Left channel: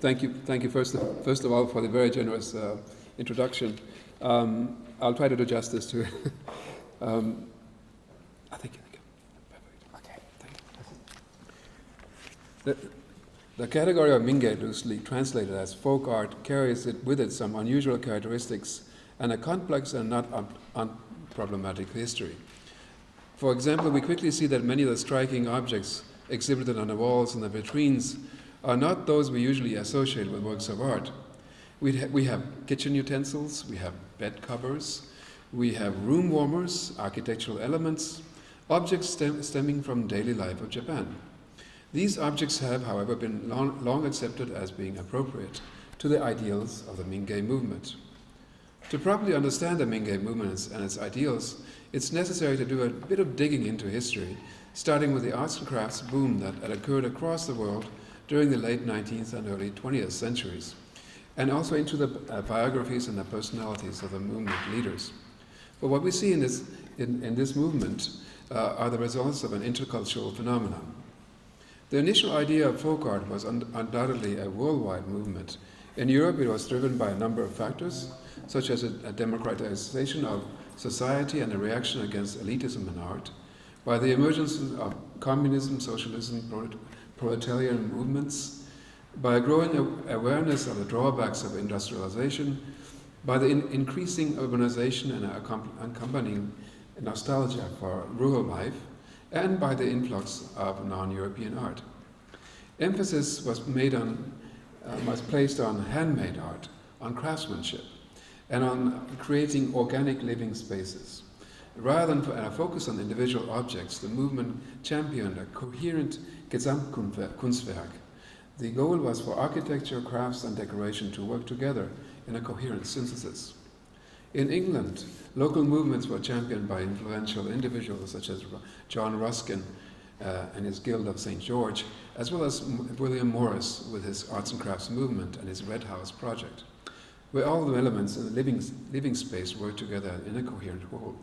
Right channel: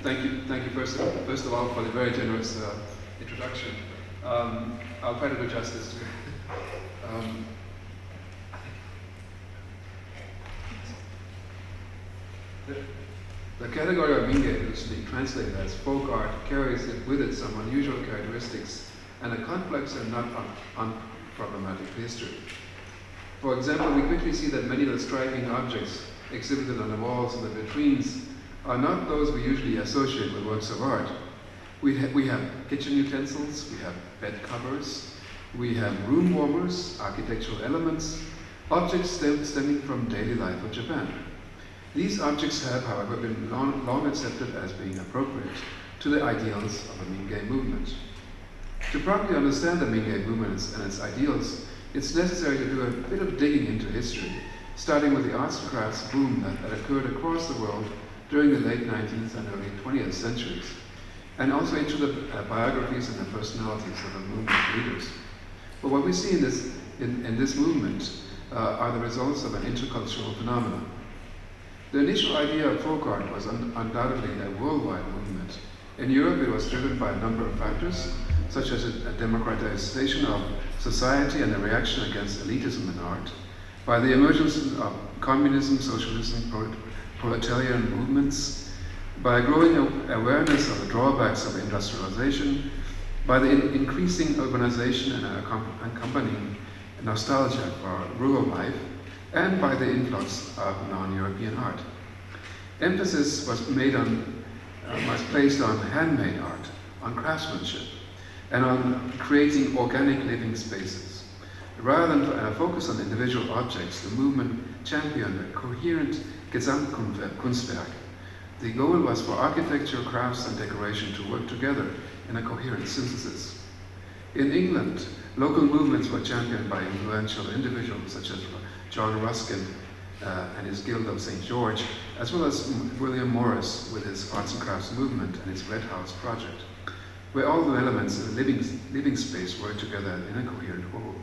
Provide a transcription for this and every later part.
Thank you first of all for the very generous introduction. I'll try to do justice to it. I think the category of Mingei, loosely translated as folk art, carries with it some unusual characteristics and a complex and not unproblematic history. For example, we quickly see that many of the striking objects exhibited on the walls and the vitrines are not those we usually associate with works of art. We have kitchen utensils, we have bed covers, we have room warmers, architectural elements, objects stemming from daily life of Japan. These objects have, however, been long accepted as being appropriate to the ideals of the Mingei movement. To properly understand the Mingei movement and its ideals, it's necessary to do a bit of digging into history, starting with the arts and crafts boom that occurred across the world during the late 19th and early 20th centuries, and also into the biographies and the personalities of the movement leaders. But what we see in this movement are the results of an intercultural phenomenon. The initial idea of folk art was undoubtedly a worldwide movement. In Europe, it was driven by a number of factors, such as a democratization of society and a reaction against elitism in art, by the emergence of communism, socialism, proletarian movements, by growing awareness of the drawbacks of industrialization, by the increasing urbanization and accompanying nostalgia for rural life, and by the influx of non-European art. Emphasis was placed on handmade art, on craftsmanship, and on creating organic living spaces. Rather than a focus on individual objects, the movement championed a coherent Gesamtkunstwerk. The goal was for architecture, crafts, and decoration to work together in a coherent synthesis. In England, local movements were championed by influential individuals such as John Ruskin and his Guild of St. George, as well as William Morris with his arts and crafts movement and his Red House project, where all the elements in the living space worked together in a coherent whole.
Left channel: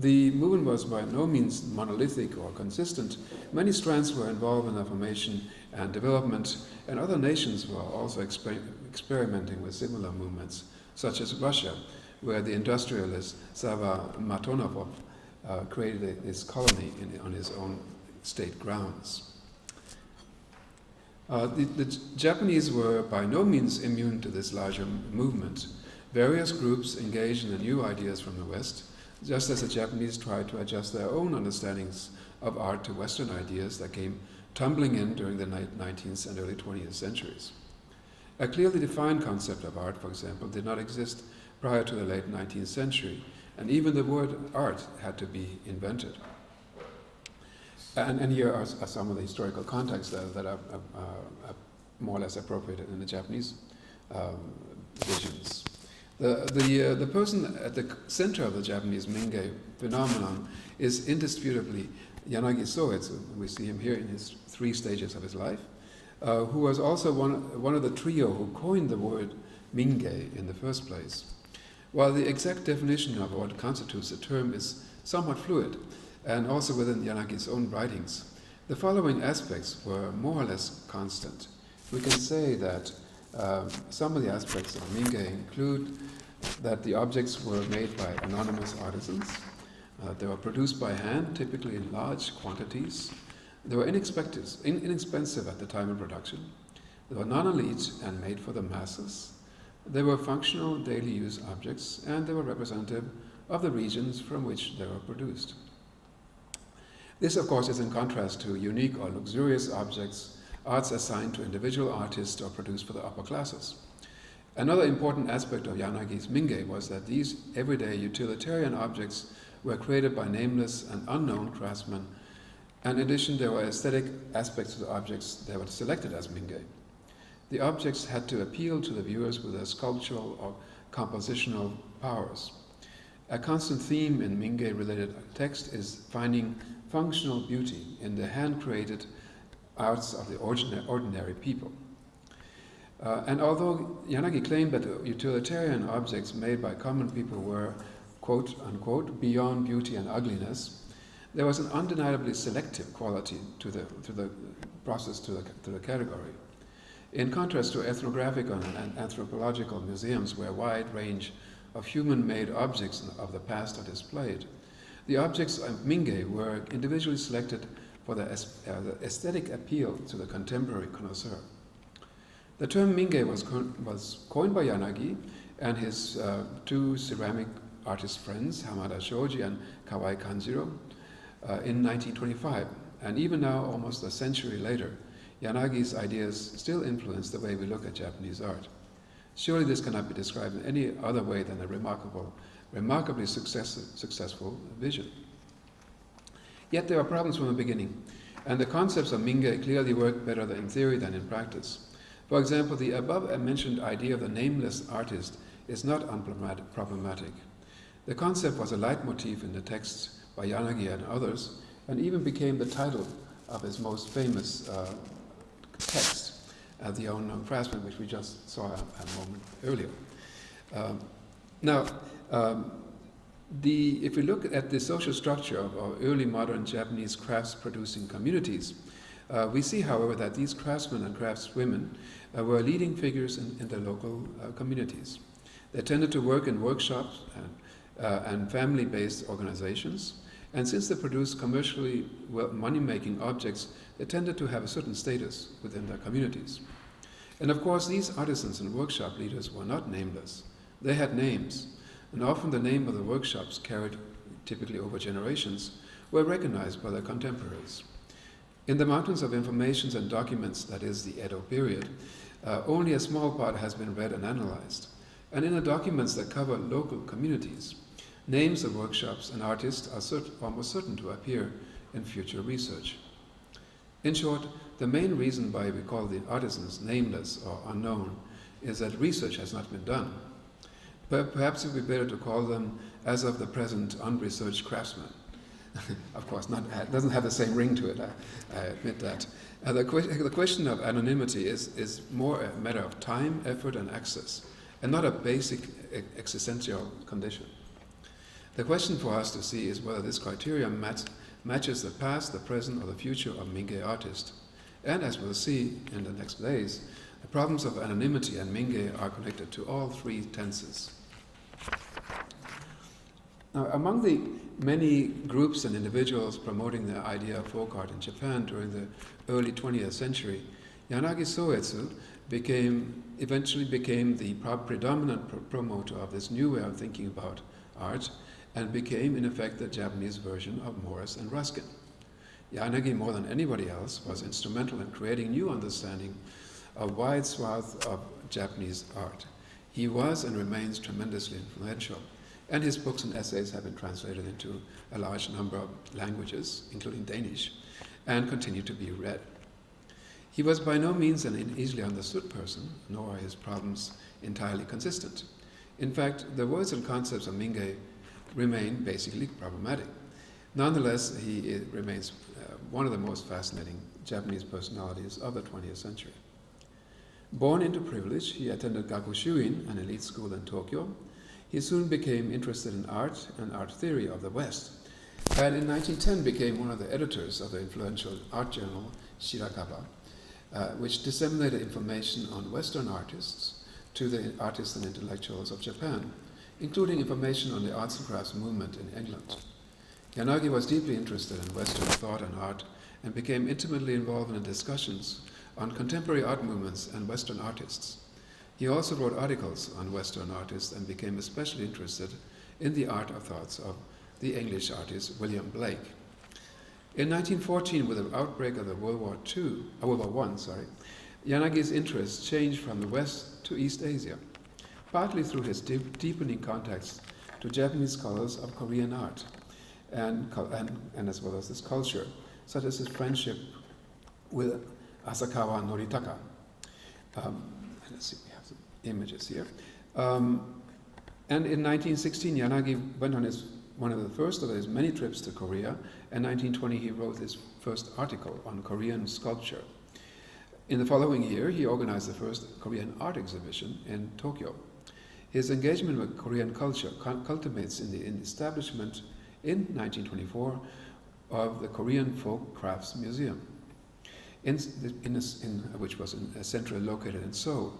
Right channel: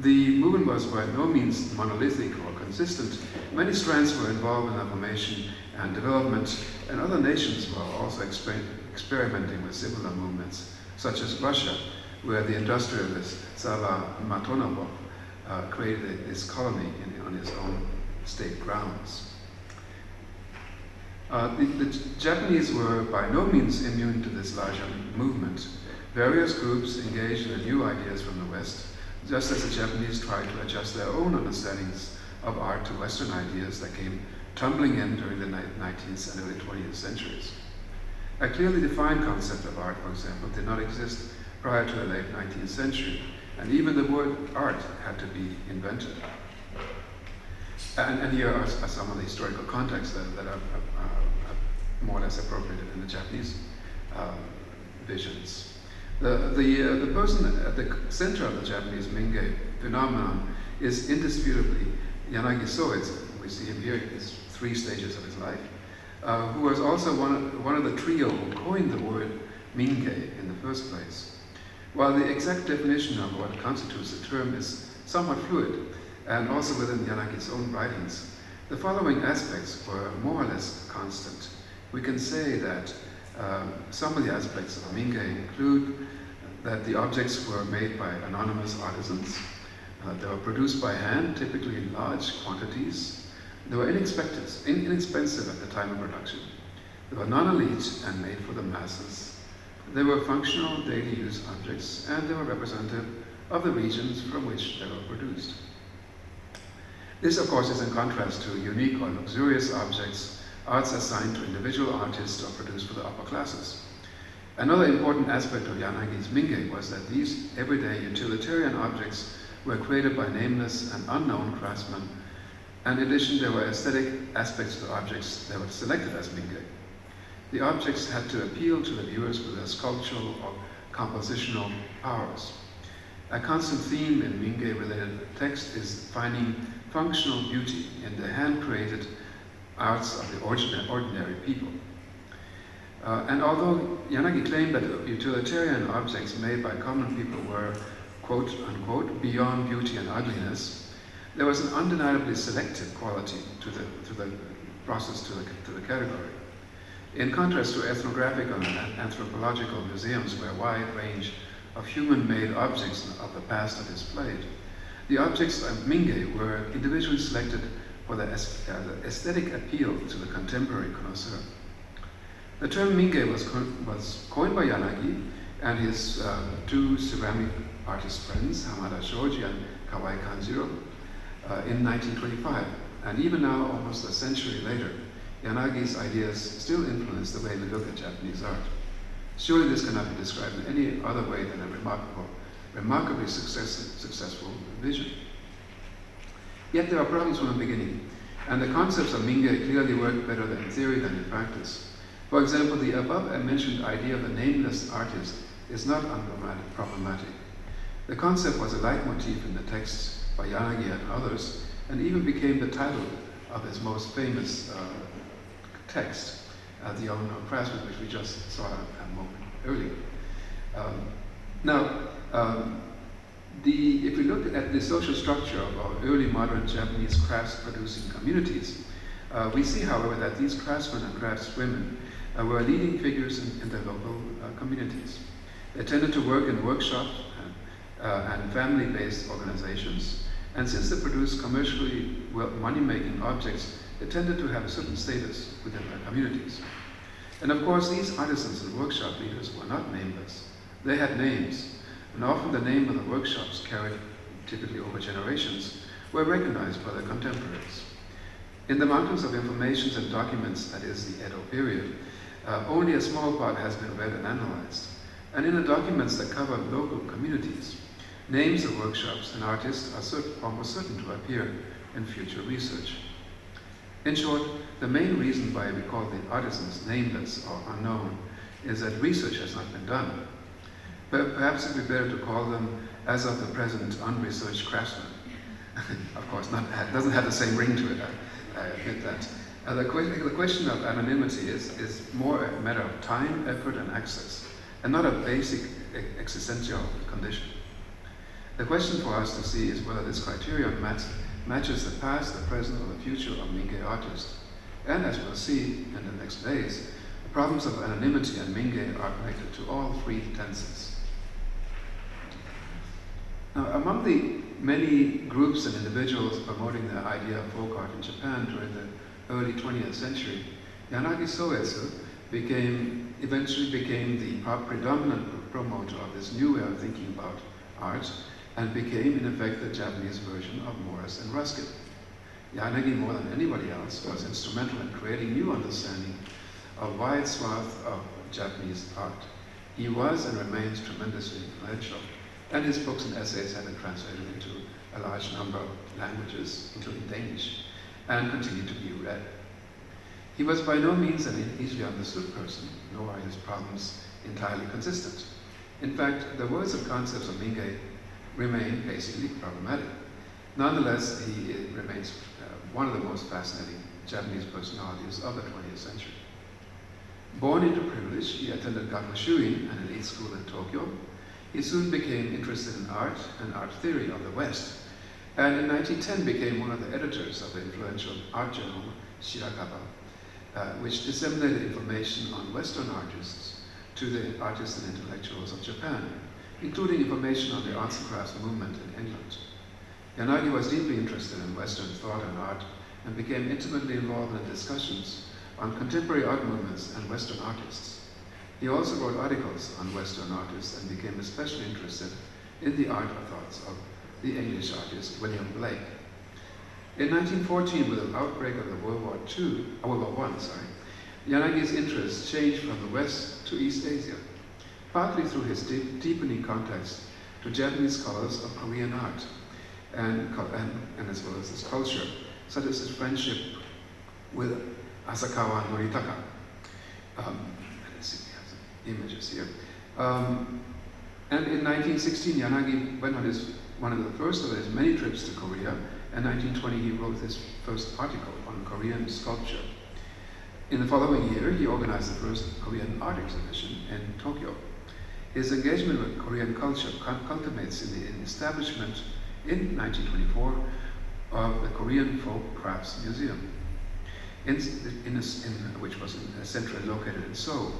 The movement was by no means monolithic or consistent. Many strands were involved in the formation and development, and other nations were also experimenting with similar movements, such as Russia, where the industrialist Sava Matonov created this colony on his own state grounds. The Japanese were by no means immune to this larger movement. Various groups engaged in the new ideas from the West, just as the Japanese tried to adjust their own understandings of art to Western ideas that came tumbling in during the 19th and early 20th centuries. A clearly defined concept of art, for example, did not exist prior to the late 19th century, and even the word art had to be invented. And here are some of the historical contexts that are more or less appropriated in the Japanese visions. The person at the center of the Japanese Mingei phenomenon is indisputably Yanagi Soetsu. We see him here in his 3 stages of his life, who was also one of the trio who coined the word Mingei in the first place. While the exact definition of what constitutes the term is somewhat fluid, and also within Yanagi's own writings, the following aspects were more or less constant. We can say that some of the aspects of Mingei include that the objects were made by anonymous artisans. They were produced by hand, typically in large quantities. They were inexpensive at the time of production. They were non-elite and made for the masses. They were functional daily use objects, and they were representative of the regions from which they were produced. This, of course, is in contrast to unique or luxurious objects, arts assigned to individual artists or produced for the upper classes. Another important aspect of Yanagi's Mingei was that these everyday utilitarian objects were created by nameless and unknown craftsmen. In addition, there were aesthetic aspects to the objects that were selected as Mingei. The objects had to appeal to the viewers with their sculptural or compositional powers. A constant theme in Mingei-related text is finding functional beauty in the hand-created arts of the ordinary people. And although Yanagi claimed that utilitarian objects made by common people were, quote unquote, beyond beauty and ugliness, there was an undeniably selective quality to the process, to the category. In contrast to ethnographical and anthropological museums where a wide range of human-made objects of the past are displayed, the objects of Mingei were individually selected for the aesthetic appeal to the contemporary connoisseur. The term Mingei was coined by Yanagi and his two ceramic artist friends, Hamada Shoji and Kawai Kanjiro, in 1925. And even now, almost a century later, Yanagi's ideas still influence the way we look at Japanese art. Surely this cannot be described in any other way than a remarkably successful vision. Yet there are problems from the beginning, and the concepts of Mingei clearly work better in theory than in practice. For example, the above-mentioned idea of a nameless artist is not problematic. The concept was a leitmotif in the texts by Yanagi and others, and even became the title of his most famous text, The Unknown Craftsman, which we just saw a moment earlier. If we look at the social structure of early modern Japanese crafts-producing communities, we see, however, that these craftsmen and craftswomen were leading figures in their local communities. They tended to work in workshops and family-based organizations, and since they produced commercially money-making objects, they tended to have a certain status within their communities. And of course, these artisans and workshop leaders were not nameless. They had names, and often the name of the workshops, carried typically over generations, were recognized by their contemporaries. In the mountains of informations and documents, that is the Edo period, only a small part has been read and analyzed. And in the documents that cover local communities, names of workshops and artists are almost certain to appear in future research. In short, the main reason why we call the artisans nameless or unknown is that research has not been done. But perhaps it would be better to call them, as of the present, unresearched craftsmen. Of course, it doesn't have the same ring to it, I admit that. The question of anonymity is more a matter of time, effort, and access, and not a basic existential condition. The question for us to see is whether this criterion matches the past, the present, or the future of Mingei artists. And as we'll see in the next days, the problems of anonymity and Mingei are connected to all three tenses. Now, among the many groups and individuals promoting the idea of folk art in Japan during the early 20th century, Yanagi Soetsu eventually became the predominant promoter of this new way of thinking about art, and became, in effect, the Japanese version of Morris and Ruskin. Yanagi, more than anybody else, was instrumental in creating new understanding of a wide swath of Japanese art. He was and remains tremendously influential, and his books and essays have been translated into a large number of languages, including Danish, and continue to be read. He was by no means an easily understood person, nor are his problems entirely consistent. In fact, the words and concepts of Mingei remain basically problematic. Nonetheless, he remains one of the most fascinating Japanese personalities of the 20th century. Born into privilege, he attended Gakushuin, an elite school in Tokyo. He soon became interested in art and art theory of the West, and in 1910 became one of the editors of the influential art journal Shirakaba, which disseminated information on Western artists to the artists and intellectuals of Japan, including information on the arts and crafts movement in England. Yanagi was deeply interested in Western thought and art, and became intimately involved in discussions on contemporary art movements and Western artists. He also wrote articles on Western artists and became especially interested in the art of thoughts of the English artist William Blake. In 1914, with the outbreak of the World War I, Yanagi's interest changed from the West to East Asia, partly through his deepening contacts to Japanese scholars of Korean art, and as well as his culture, such as his friendship with Asakawa Noritaka. Let's see, we have some images here. And in 1916, Yanagi went on one of the first of his many trips to Korea, and in 1920 he wrote his first article on Korean sculpture. In the following year, he organized the first Korean art exhibition in Tokyo. His engagement with Korean culture culminates in the establishment in 1924 of the Korean Folk Crafts Museum. which was centrally located in Seoul.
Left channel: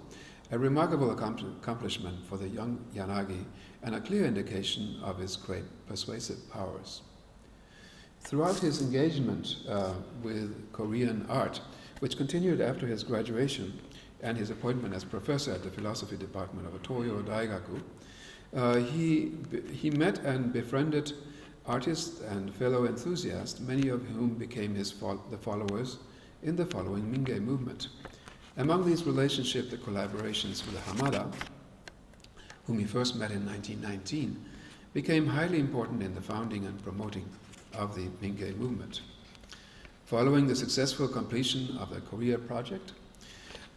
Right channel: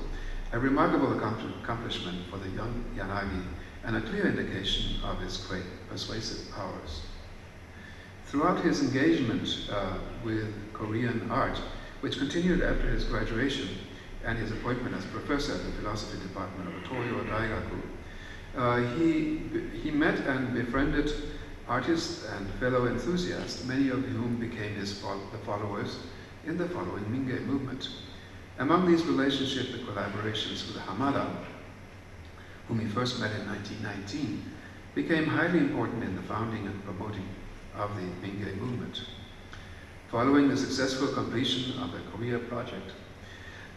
A remarkable accomplishment for the young Yanagi and a clear indication of his great persuasive powers. Throughout his engagement with Korean art, which continued after his graduation and his appointment as professor at the philosophy department of Toyo Daigaku, he met and befriended artists and fellow enthusiasts, many of whom became the followers in the following Mingei movement. Among these relationships, the collaborations with Hamada, whom he first met in 1919, became highly important in the founding and promoting of the Mingei movement. Following the successful completion of the Korea project,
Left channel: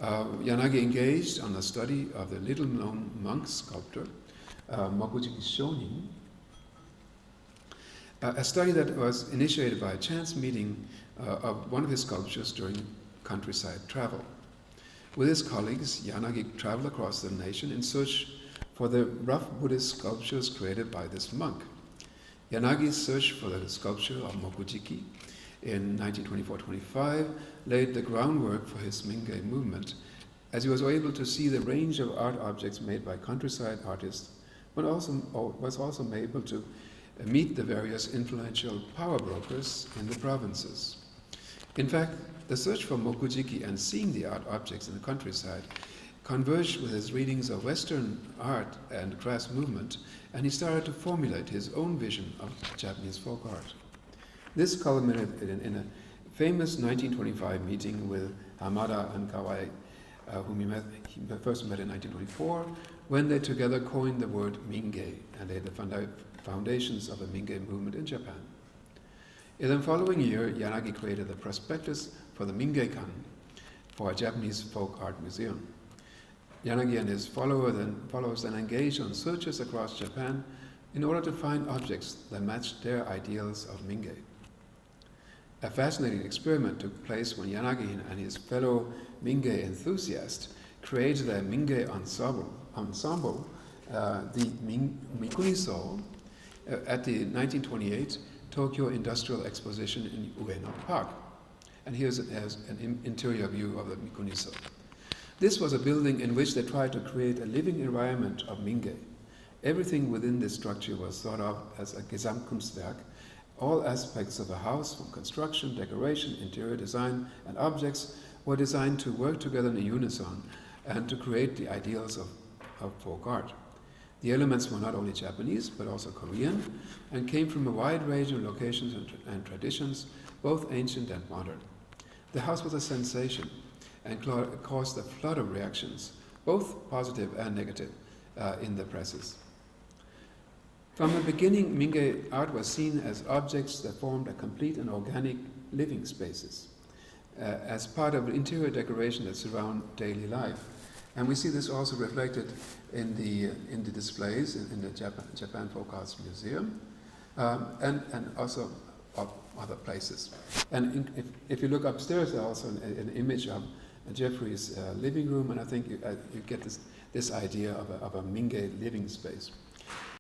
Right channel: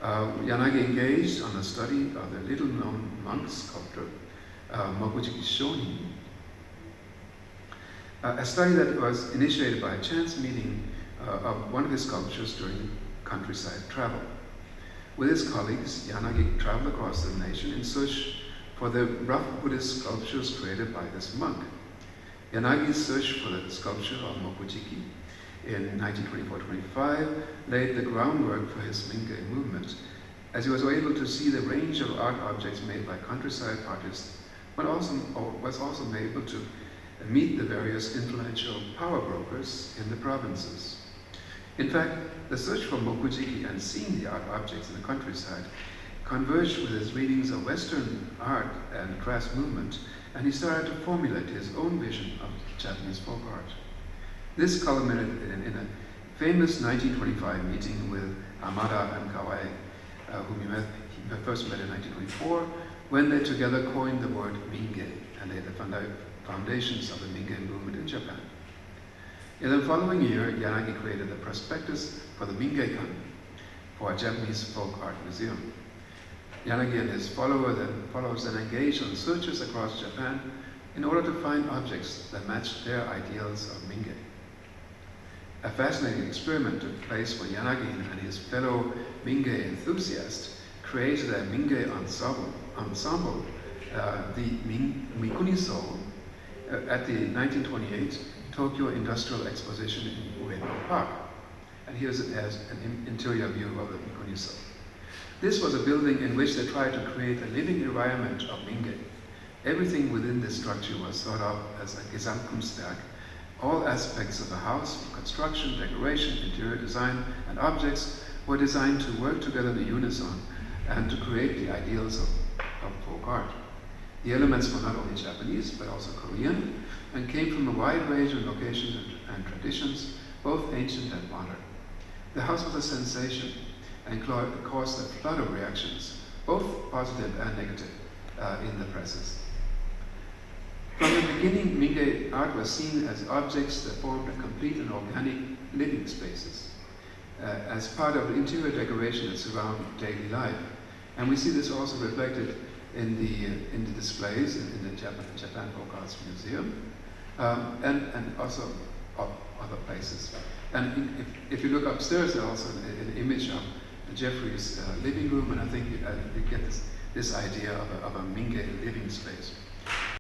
Yanagi engaged on the study of the little-known monk sculptor Mokuji Shonin, a study that was initiated by a chance meeting of one of his sculptures during countryside travel. With his colleagues, Yanagi traveled across the nation in search for the rough Buddhist sculptures created by this monk. Yanagi's search for the sculpture of Mokujiki in 1924-25 laid the groundwork for his Mingei movement, as he was able to see the range of art objects made by countryside artists, but was also able to meet the various influential power brokers in the provinces. In fact, the search for Mokujiki and seeing the art objects in the countryside converged with his readings of Western art and class movement, and he started to formulate his own vision of Japanese folk art. This culminated in a famous 1925 meeting with Hamada and Kawai, whom he first met in 1924, when they together coined the word Mingei and laid the foundations of the Mingei movement in Japan. In the following year, Yanagi created a prospectus for the Mingei-kan, for a Japanese folk art museum. Yanagi and his followers then engaged on searches across Japan in order to find objects that matched their ideals of Mingei. A fascinating experiment took place when Yanagi and his fellow Mingei enthusiasts created a Mingei ensemble, the Mikuniso, at the 1928 Tokyo Industrial Exposition in Ueno Park. And here's an interior view of the Mikuniso. This was a building in which they tried to create a living environment of Mingei. Everything within this structure was thought of as a Gesamtkunstwerk. All aspects of the house, from construction, decoration, interior design, and objects, were designed to work together in unison and to create the ideals of folk art. The elements were not only Japanese, but also Korean, and came from a wide range of locations and traditions, both ancient and modern. The house was a sensation and caused a flood of reactions, both positive and negative, in the presses. From the beginning, Mingei art was seen as objects that formed a complete and organic living spaces, as part of interior decoration that surround daily life. And we see this also reflected in the displays in the Japan Folk Arts Museum, and also other places. And if you look upstairs, there's also an image of Jeffrey's living room, and I think you get this idea of a Mingei living space.